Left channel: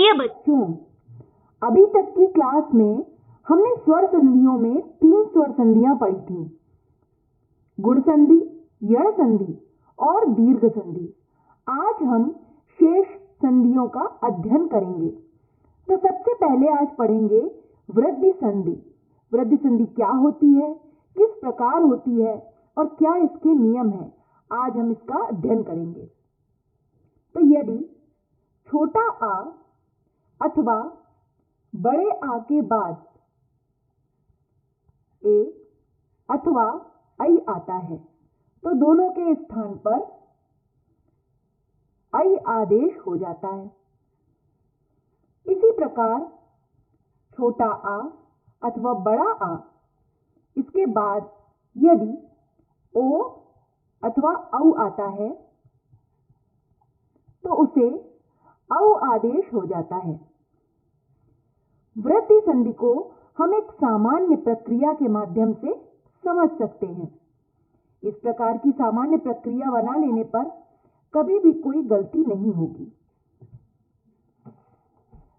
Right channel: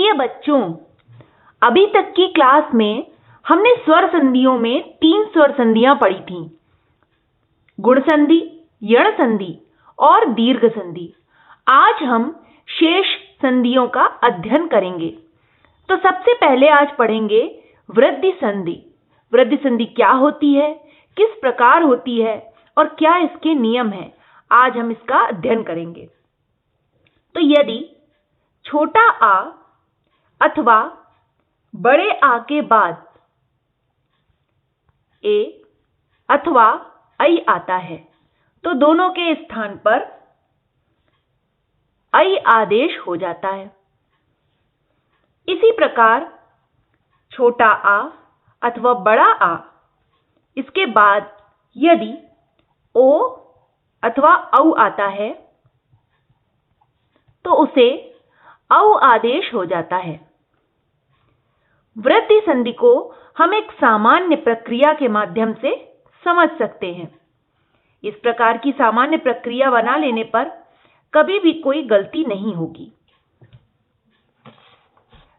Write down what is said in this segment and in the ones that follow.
प्रिय बच्चों, अभी तक की क्लास में हमने स्वर संधियों में 3 स्वर संधियां पढ़ी थीं, गुण संधि, यण संधि और दीर्घ संधि। आज हम शेष संधियों का अध्ययन करेंगे। तो सबसे पहले आज पढ़ेंगे वृद्धि संधि। वृद्धि संधि क्या होती है, किस प्रकार होती है और क्या इसके नियम हैं, आज हम इसका अध्ययन करेंगे। तो यदि छोटा आ अथवा बड़े आ के बाद ए अथवा ऐ आता है तो दोनों के स्थान पर ऐ आदेश हो जाता है। इसी प्रकार छोटा आ अथवा बड़ा आ इसके बाद यदि ओ अथवा औ आता है तो उसे औ आदेश हो जाता है। वृद्धि संधि को हम एक सामान्य प्रक्रिया के माध्यम से समझ सकते हैं। इस प्रकार की सामान्य प्रक्रिया बना लेने पर कभी भी कोई गलती नहीं होगी।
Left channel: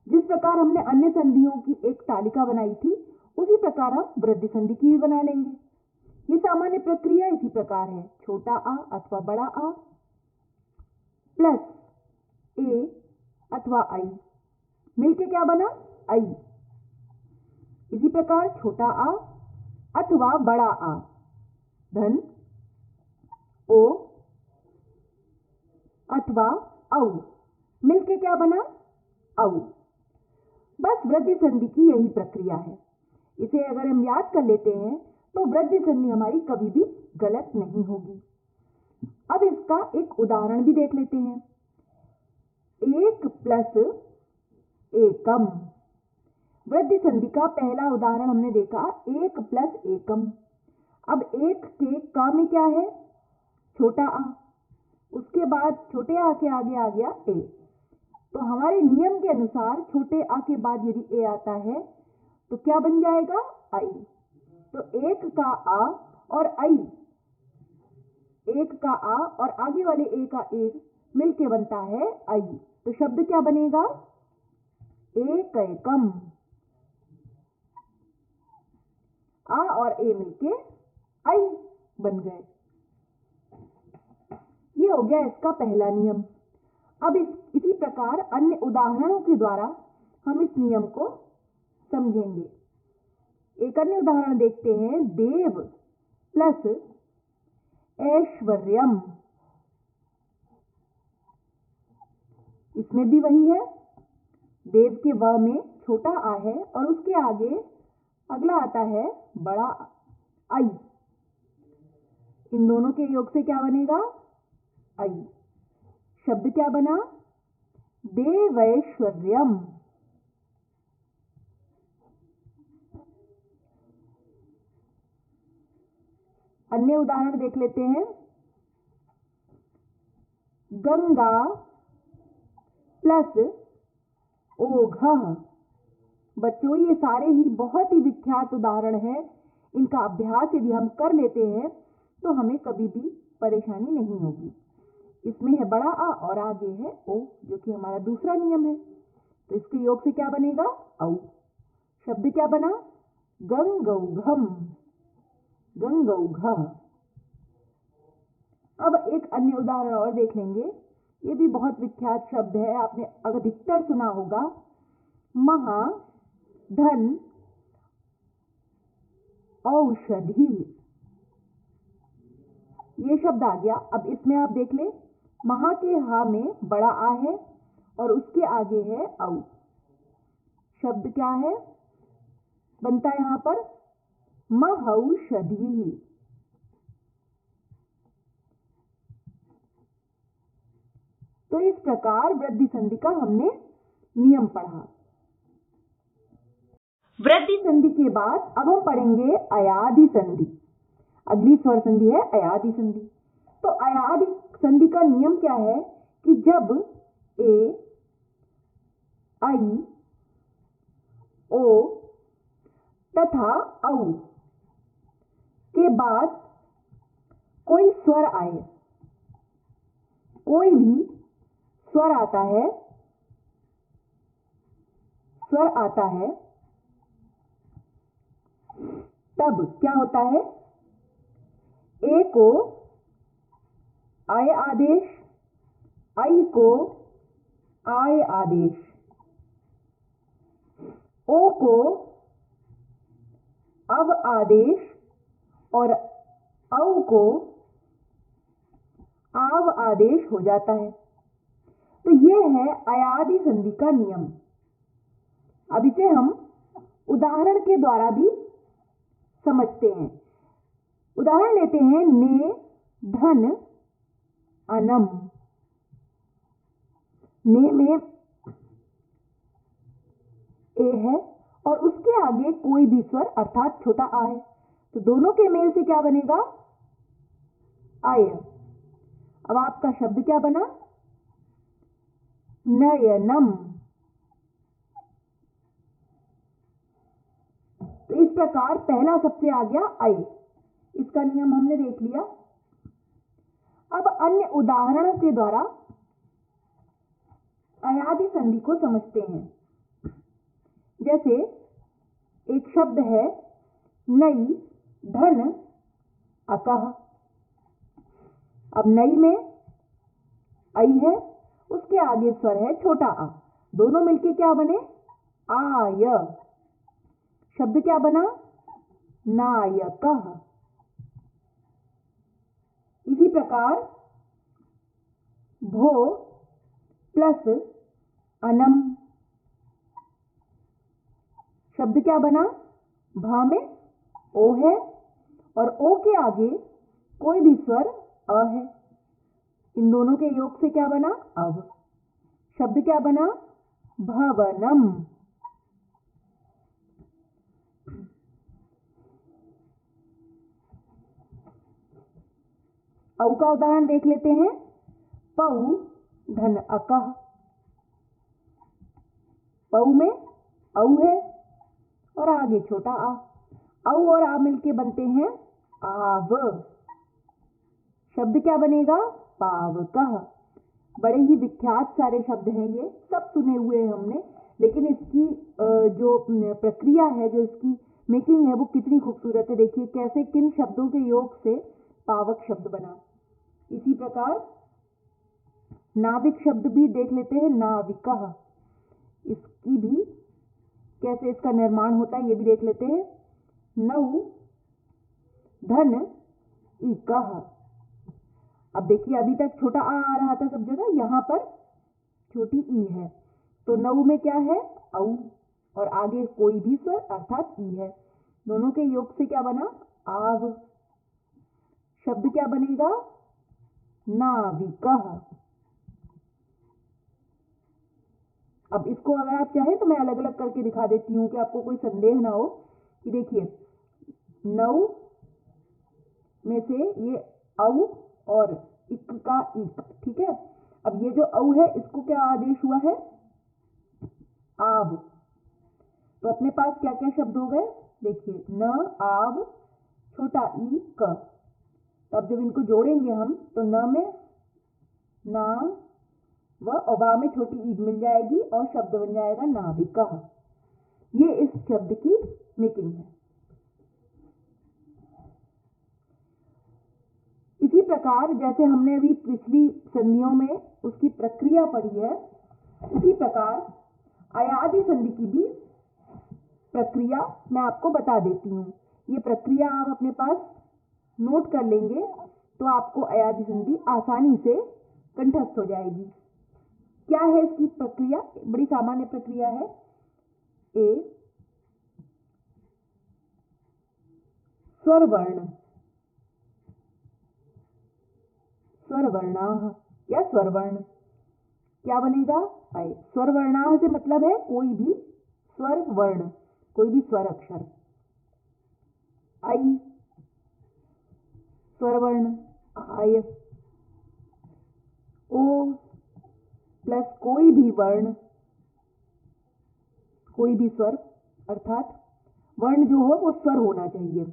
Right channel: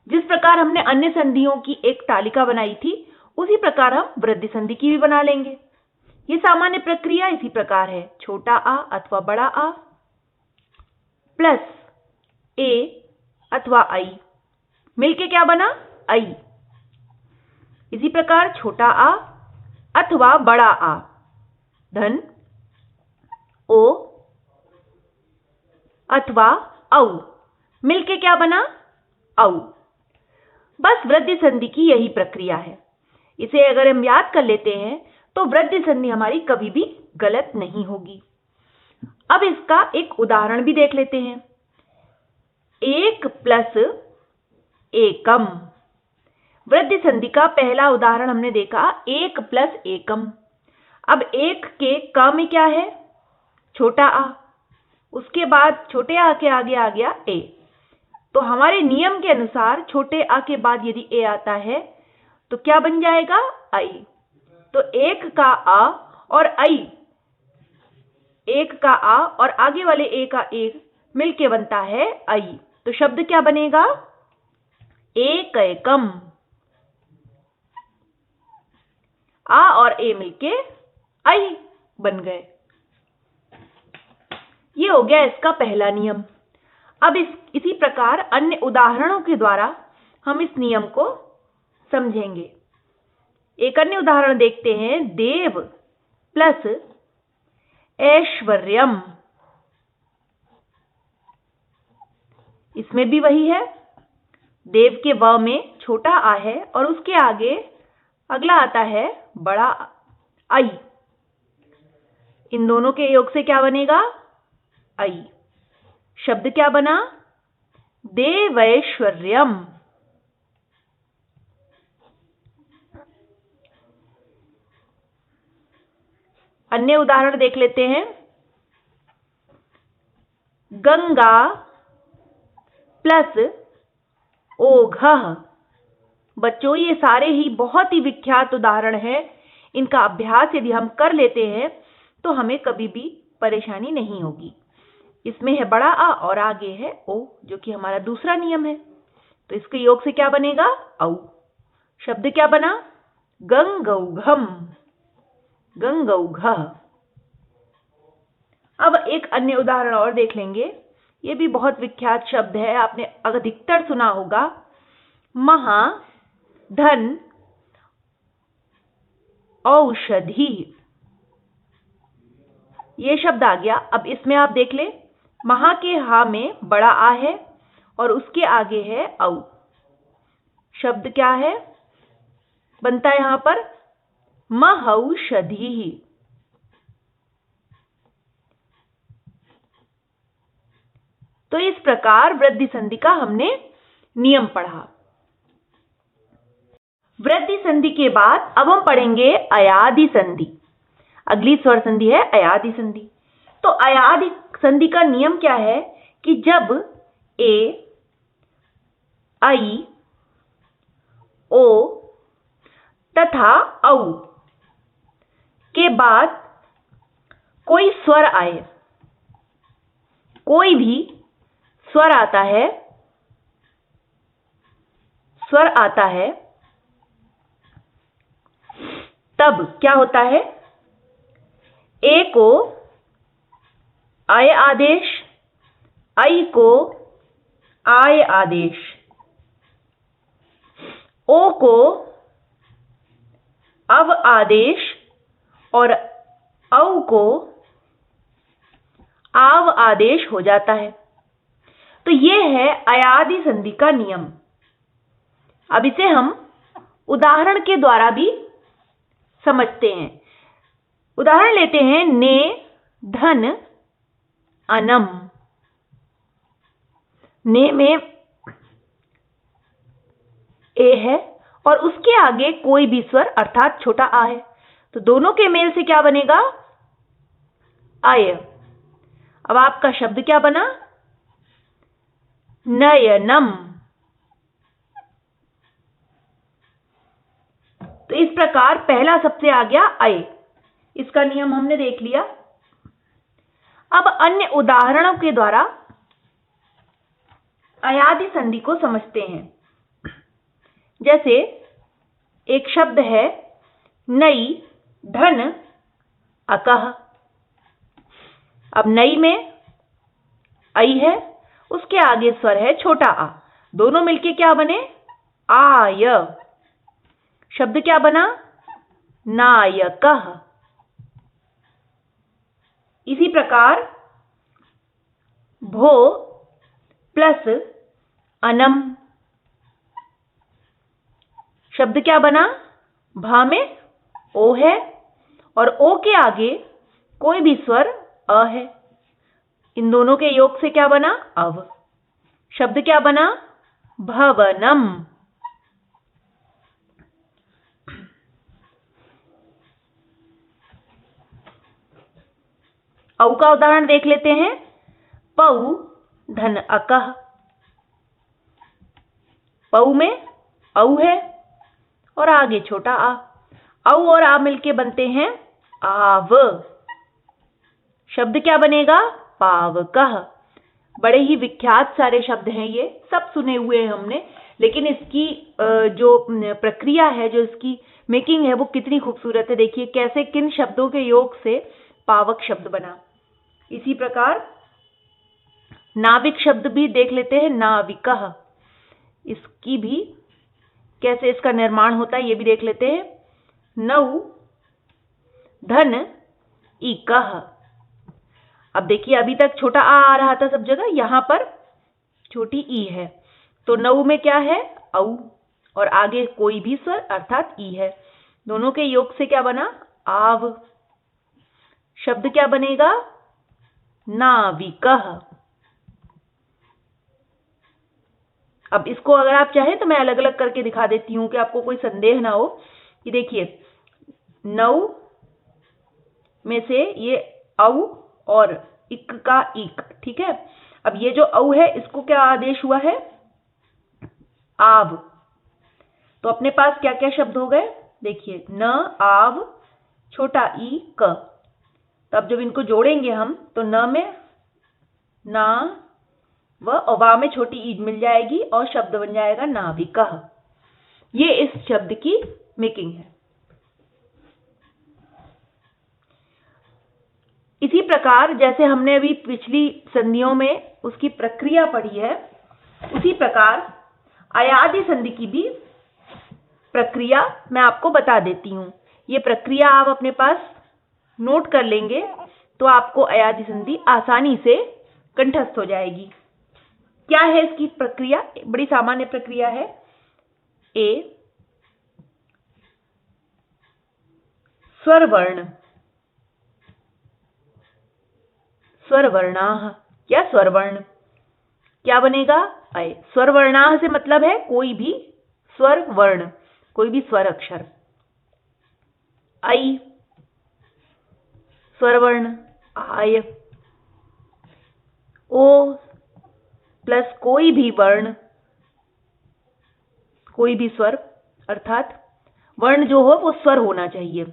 जिस प्रकार हमने अन्य संधियों की एक तालिका बनाई थी, उसी प्रकार हम वृद्धि संधि की भी बना लेंगे। ये सामान्य प्रक्रिया इसी प्रकार है, छोटा आ अथवा बड़ा आ प्लस ए अथवा ऐ मिलके क्या बना, ऐ। इसी प्रकार छोटा आ अथवा बड़ा आ धन ओ अथवा औ मिलके क्या बना, औ। बस वृद्धि संधि की यही प्रक्रिया है। इसे अगर हम याद कर लेते हैं तो वृद्धि संधि हमारी कभी भी गलत नहीं होगी। अब इसका एक उदाहरण भी देख लेते हैं। एक प्लस एकम। वृद्धि संधि का पहला उदाहरण हमने देखा, एक प्लस एकम। अब एक के क में क्या है, छोटा आ, उसके बाद छोटे आ के आगे आ गया ए। तो हमारे नियम के अनुसार छोटे आ के बाद यदि ए आता है तो क्या बन जाएगा, ऐ। तो एक का आ और ऐ, एक का आ और आगे वाले ए का एक मिलके बनता है ऐ। तो शब्द क्या बनेगा, एक एकम। आ और ए मिलके ऐ बन गए। ये हो गया इसका पहला नियम। अब इसी प्रकार अन्य उदाहरणों के द्वारा हम इस नियम को समझेंगे। एक अन्य उदाहरण देखते हैं, देव प्लस ऐश्वर्यम। इसमें भी वही है, देव के व में छोटा आ है और उसके आगे अगला आता है बड़ा ऐ। इन दोनों के योग से क्या बनेगा, ऐ। शब्द क्या बना, देवैश्वर्यम। अन्य उदाहरण देख लेते हैं, गंगा प्लस ओघः। बच्चों, ये सारे ही बहुत ही विख्यात उदाहरण हैं। इनका अभ्यास यदि हम कर लेते हैं तो हमें कभी भी परेशानी नहीं होगी। इसमें है बड़ा आ और आगे है ओ, जो कि हमारा दूसरा नियम है। तो इसके योग से क्या बनेगा, औ। शब्द क्या बना, गंगौघम, गंगौघः। अब एक अन्य उदाहरण और देख लेंगे। ये भी बहुत विख्यात शब्द है, आपने अधिकतर सुना होगा, महा धन औषधि। ये शब्द आ गया। अब इसमें आप देख ले, महा के हा में बड़ा आ है और उसके आगे है औ। शब्द क्या है, बनता है यहां पर महौषधि। तो इस प्रकार वृद्धि संधि का हमने नियम पढ़ा। वृद्धि संधि के बाद अब हम पढ़ेंगे अयादि संधि। अगली स्वर संधि है अयादि संधि। तो अयादि संधि का नियम क्या है कि जब ए, ऐ, ओ तथा औ के बाद कोई स्वर आए, कोई भी स्वर आता है स्वर आता है तब क्या होता है? ए को अय आदेश, ऐ को आय आदेश, ओ को अव आदेश और औ को आव आदेश हो जाता है। तो ये है अयादि संधि का नियम। अब इसे हम उदाहरण के द्वारा भी समझते हैं। उदाहरण लेते हैं, ने धन अनम। ने में ए है और उसके आगे कोई भी स्वर अर्थात छोटा आ है, तो दोनों के मेल से क्या बनेगा? आय। अब आपका शब्द क्या बना? नयनम। तो इस प्रकार पहला सबसे आ गया आय, इसका नियम हमने देख लिया। अब अन्य उदाहरणों के द्वारा अयादि संधि को समझते हैं। जैसे एक शब्द है नई धन अकह। अब नई में ऐ है, उसके आगे स्वर है छोटा आ, दोनों मिलके क्या बने? आय। शब्द क्या बना? नायकः। इसी प्रकार भो प्लस अनम, शब्द क्या बना? भा में ओ है और ओ के आगे कोई भी स्वर अ है, इन दोनों के योग से क्या बना? अव। शब्द क्या बना? भवनम। औ का उदाहरण देख लेते हैं। पौ धन अकह। पौ में औ है और आगे छोटा आ, औ और आ मिलके बनते हैं आव। शब्द क्या बनेगा? पावकः। बड़े ही विख्यात सारे शब्द हैं, ये सब सुने हुए हैं हमने, लेकिन इसकी जो प्रक्रिया है, जो इसकी मेकिंग है, वो कितनी खूबसूरत है। देखिए कैसे किन शब्दों के योग से पावक शब्द बना। इसी प्रकार नाविक शब्द भी देख लेते हैं, नाविकः। इसकी भी कैसे इसका निर्माण होता है ये भी देख लेते हैं। नौ धन इकः। अब देखिए अभी तक छोटा आ रहा था सब जगह, यहां पर छोटी ई है, तो नौ में क्या है? औ और आगे कोई भी स्वर अर्थात ई है, दोनों के योग से क्या बना? आव। शब्द क्या बनेगा? नाविकः। अब इसको अगर आप चाहें तो मैं अलग अलग करके दिखा देती हूं कि आपको कोई संदेह ना हो। कि देखिए नौ में से ये औ और इक का इक, ठीक है। अब ये जो औ है इसको क्या आदेश हुआ है? आव। तो अपने पास क्या क्या शब्द हो गए? देखिए न आव छोटा ई क। तो अब जब इनको जोड़ेंगे हम तो न में ना व वा में छोटी ईद मिल जाएगी और शब्द बन जाएगा नाविकः। ये इस शब्द की मेकिंग है। इसी प्रकार जैसे हमने अभी पिछली संधियों में उसकी प्रक्रिया पढ़ी है, उसी प्रकार अयादि संधि की भी प्रक्रिया मैं आपको बता देती हूं। ये प्रक्रिया आप अपने पास नोट कर लेंगे तो आपको अयादि संधि आसानी से कंठस्थ हो जाएगी। क्या है इसकी प्रक्रिया? बड़ी सामान्य प्रक्रिया है। ए स्वर वर्ण, स्वर वर्णाः। क्या स्वर वर्ण? क्या बनेगा? अय। स्वर वर्णाः से मतलब है कोई भी स्वर वर्ण, कोई भी स्वर अक्षर। ऐ स्वर वर्ण आय। ओ प्लस कोई भी वर्ण, कोई भी स्वर अर्थात वर्ण जो हो वो स्वर होना चाहिए।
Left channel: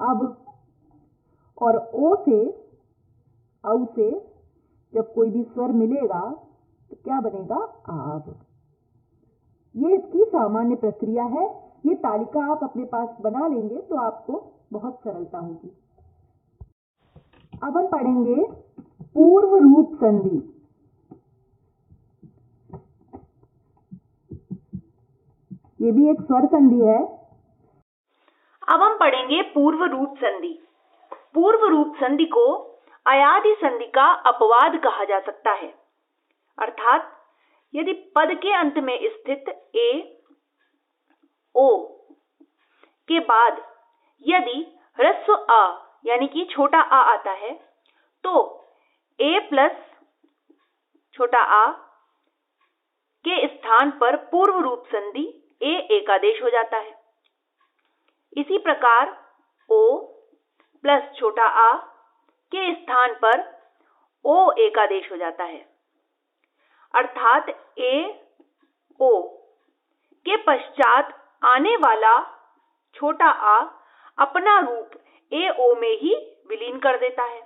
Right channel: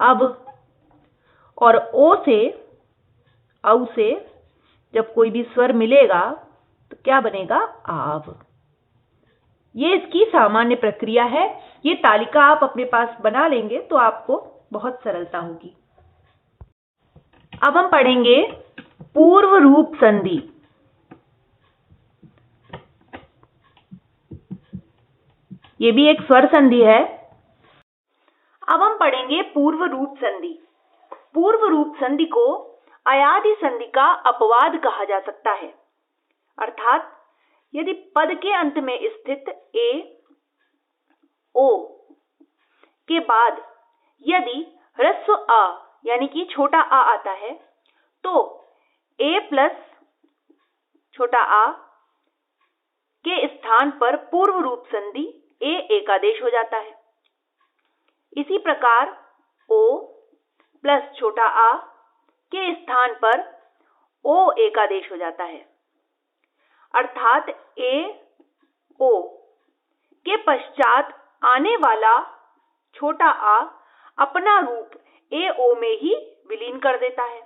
अब और ओ से औ से जब कोई भी स्वर मिलेगा तो क्या बनेगा? आव। ये इसकी सामान्य प्रक्रिया है। ये तालिका आप अपने पास बना लेंगे तो आपको बहुत सरलता होगी। अब हम पढ़ेंगे पूर्व रूप संधि। ये भी एक स्वर संधि है। अब हम पढ़ेंगे पूर्व रूप संधि। पूर्व रूप संधि को अयादि संधि का अपवाद कहा जा सकता है, अर्थात यदि पद के अंत में स्थित ए ओ के बाद यदि ह्रस्व अ यानी कि छोटा आ आता है तो ए प्लस छोटा आ के स्थान पर पूर्व रूप संधि ए एकादेश हो जाता है। इसी प्रकार ओ प्लस छोटा आ के स्थान पर ओ एकादेश हो जाता है, अर्थात ए ओ के पश्चात आने वाला छोटा आ अपना रूप ए ओ में ही विलीन कर देता है।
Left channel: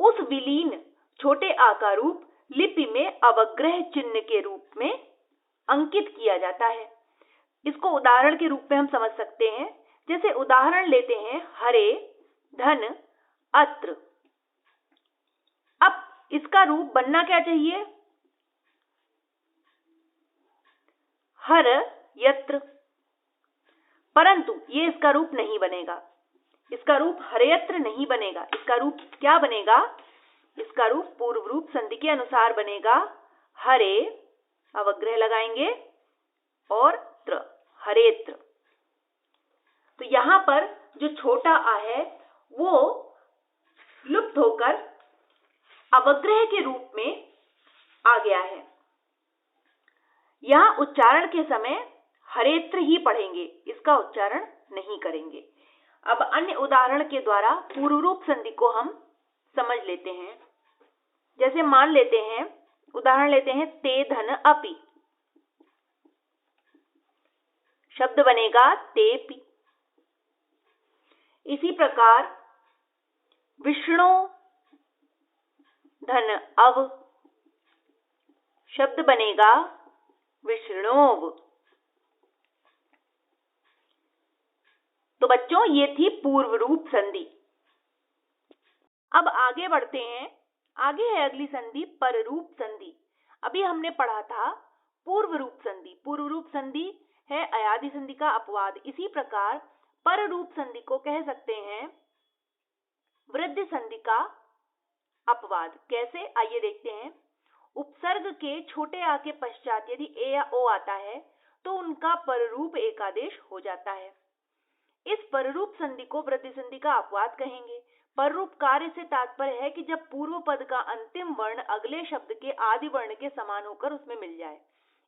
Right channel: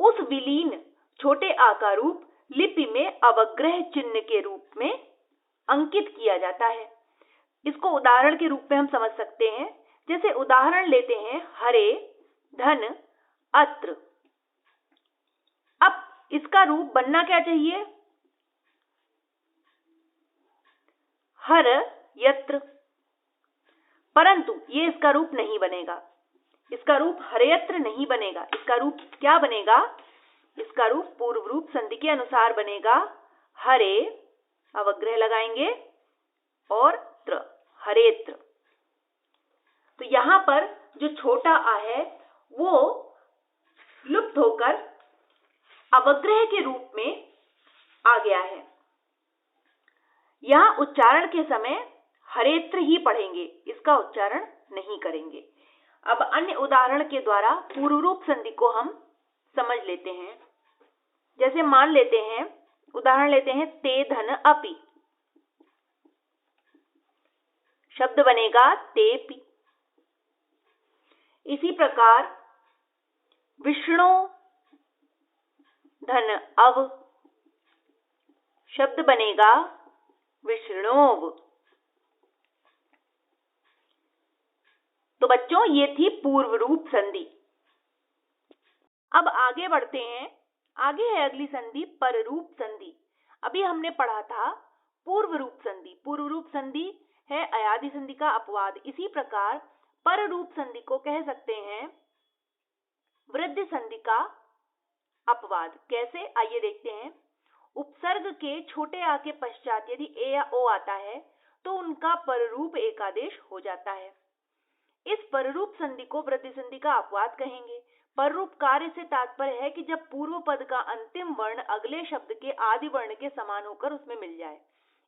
उस विलीन छोटे आ का रूप लिपि में अवग्रह चिन्ह के रूप में अंकित किया जाता है। इसको उदाहरण के रूप में हम समझ सकते हैं। जैसे उदाहरण लेते हैं हरे धन अत्र। अब इसका रूप बनना क्या चाहिए? हर यत्र, परंतु ये इसका रूप नहीं बनेगा। इसका रूप हरयत्र नहीं बनेगा। इसका रूप क्या बनेगा? इसका रूप पूर्व रूप संधि के अनुसार बनेगा। हरे अवग्रह लगाएंगे और त्र, हरेत्र। तो यहां पर जो छोटा आ है वो लुप्त होकर अवग्रह के रूप में आ गया है। यहां उच्चारण के समय हरेत्र ही पढ़ेंगे, इसका उच्चारण नहीं करेंगे। अब अन्य उदाहरण के द्वारा पूर्व रूप संधि को हम समझ लेते हैं। जैसे मान लेते हैं, उदाहरण लेते हैं ते धन अपि। शब्द बनेगा तेपि। इसी प्रकार विष्णु धन अव, शब्द बनेगा विष्णोव। तो बच्चों ये थी पूर्व रूप संधि। अब आगे बढ़ते हैं। आगे है अगली संधि पररूप संधि। अभी हमने पढ़ा था पूर्व रूप संधि। पूर्व रूप संधि है अयादि संधि का अपवाद। इसी प्रकार पररूप संधि को कह सकते हैं वृद्धि संधि का अपवाद। कैसे, आइए देखते हैं। उपसर्ग के छोटे आ के पश्चात यदि ए या ओ आता है तो उनका पररूप एकादेश हो जाता है। इस पररूप संधि को वृद्धि संधि का अपवाद कहेंगे। पररूप कार्य से तात्पर्य है कि जब पूर्व पद का अंतिम वर्ण अगले शब्द के आदि वर्ण के समान होकर उसमें मिल जाए।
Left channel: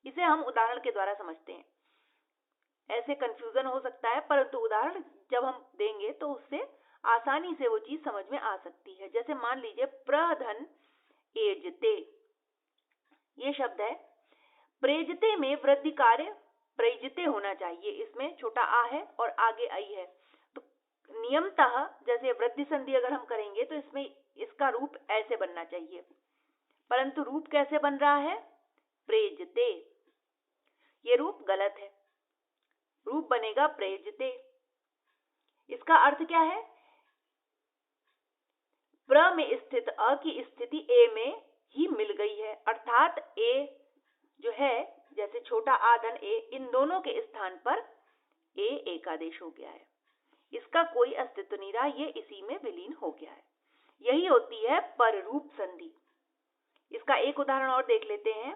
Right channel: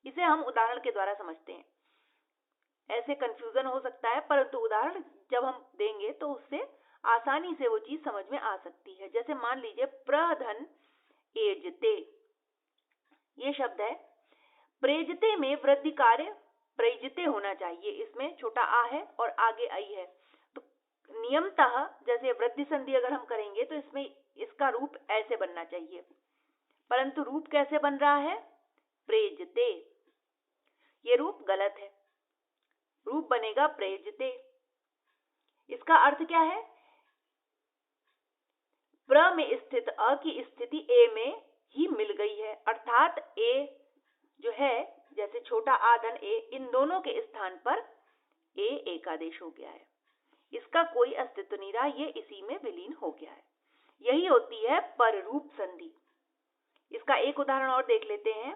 इसे हम उदाहरण के द्वारा समझते हैं। ऐसे कंफ्यूजन हो सकता है, परंतु उदाहरण जब हम देंगे तो उससे आसानी से वो चीज समझ में आ सकती है। जैसे मान लीजिए प्रधन एजते, ये शब्द है। प्रेजते में वृद्धि कार्य प्रैजते होना चाहिए। इसमें छोटा आ है और आगे आई है। तो नियमतः जैसे वृद्धि संधि अगर हम करेंगे तो इसमें इसका रूप ऐसे बनना चाहिए, परंतु रूप कैसे बन रहा है? प्रेजते। ये रूप गलत है। रूप बनेगा प्रेजते। इसका अर्थ क्या है? प्र में स्थित अ की स्थिति ए में ही मिल गई है, अर्थात ए जो है, जैसे छोटा आ धन ए, इन दोनों के स्थान पर ए एकादेश हो गया है। इसका कोई अस्तित्व नहीं रहा, ये इसी में विलीन हो गया है। यही होती है पररूप संधि। इसका एक उदाहरण और देख लेते हैं।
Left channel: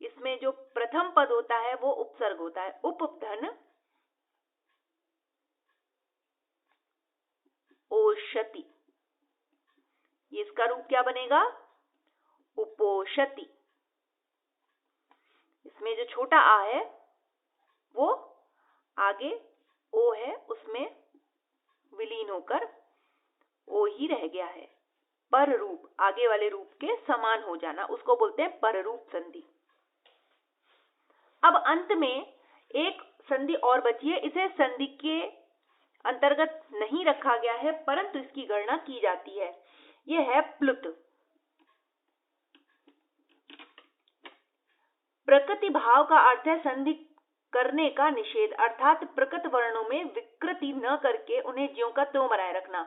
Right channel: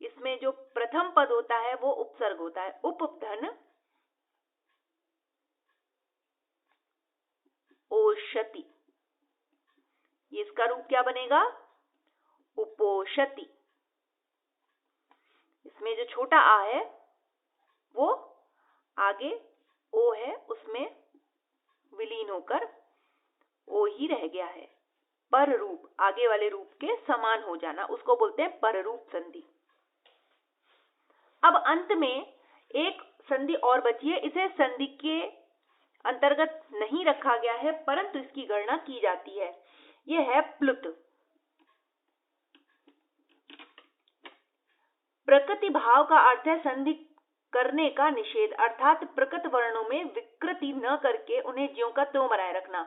इसमें जो प्रथम पद होता है वो उपसर्ग होता है। उपधन ओषति। इसका रूप क्या बनेगा? उपोषति। इसमें जो छोटा आ है वो आगे ओ है, उसमें विलीन होकर ओ ही रह गया है। पर रूप, आगे वाले रूप के समान हो जाना, उसको बोलते हैं पररूप संधि। अब अंत में एक संधि और बची है। इसे संधि के अंतर्गत नहीं रखा गया है, परंतु इसकी गणना की जाती है। यह है प्लुत। प्रकृति भाव का अर्थ है संधि करने का निषेध, अर्थात प्रकृत वर्णों में विकृति न करके उन्हें ज्यों का त्यों बनाए रखना।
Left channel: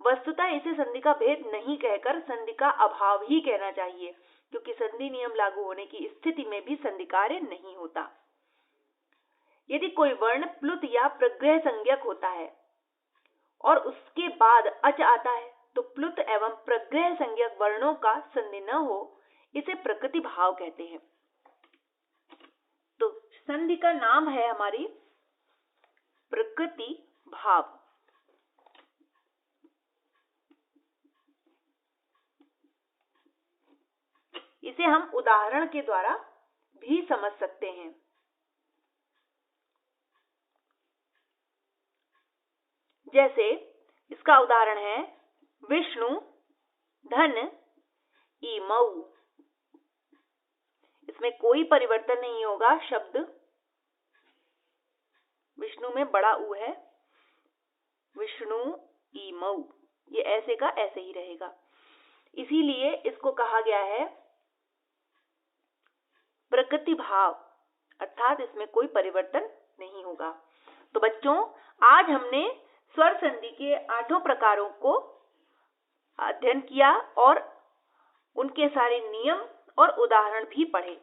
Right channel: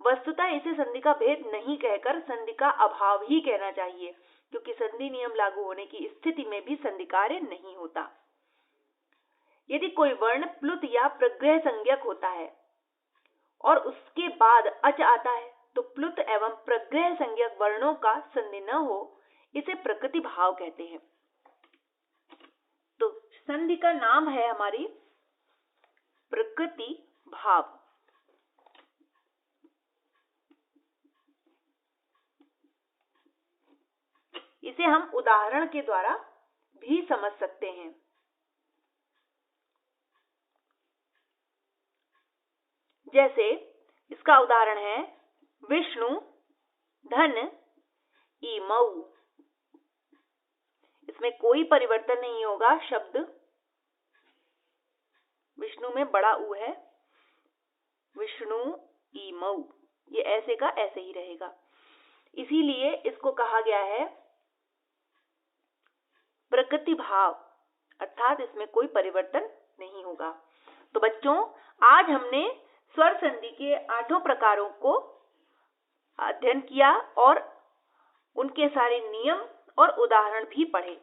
वस्तुतः इसे संधि का भेद नहीं कहकर संधि का अभाव ही कहना चाहिए, क्योंकि संधि नियम लागू होने की स्थिति में भी संधि कार्य नहीं होता। यदि कोई वर्ण प्लुत या प्रग्रह संज्ञक होता है और उसके बाद अच आता है तो प्लुत एवं प्रग्रह संज्ञक वर्णों का संधि न हो, इसे प्रकृति भाव कहते हैं। तो संधि का नाम है हमारी प्रकृति भाव। इसे हम उदाहरण के द्वारा भी समझ सकते हैं। जैसे इसका उदाहरण है विष्णु धन इमौ। इसमें कोई परिवर्तन नहीं होगा, शब्द विष्णु में बड़ा ऊ है, विष्णु इमौ, ये ऐसे का ऐसे ही रहेगा। इसीलिए इसको कहा गया है प्रकृति भाव, अर्थात इसमें कोई परिवर्तन नहीं होगा। तो बच्चों, आज हमने स्वर संधि के 8 प्रकारों को अध्ययन किया और उनके सारे नियम और उदाहरण भी पढ़े।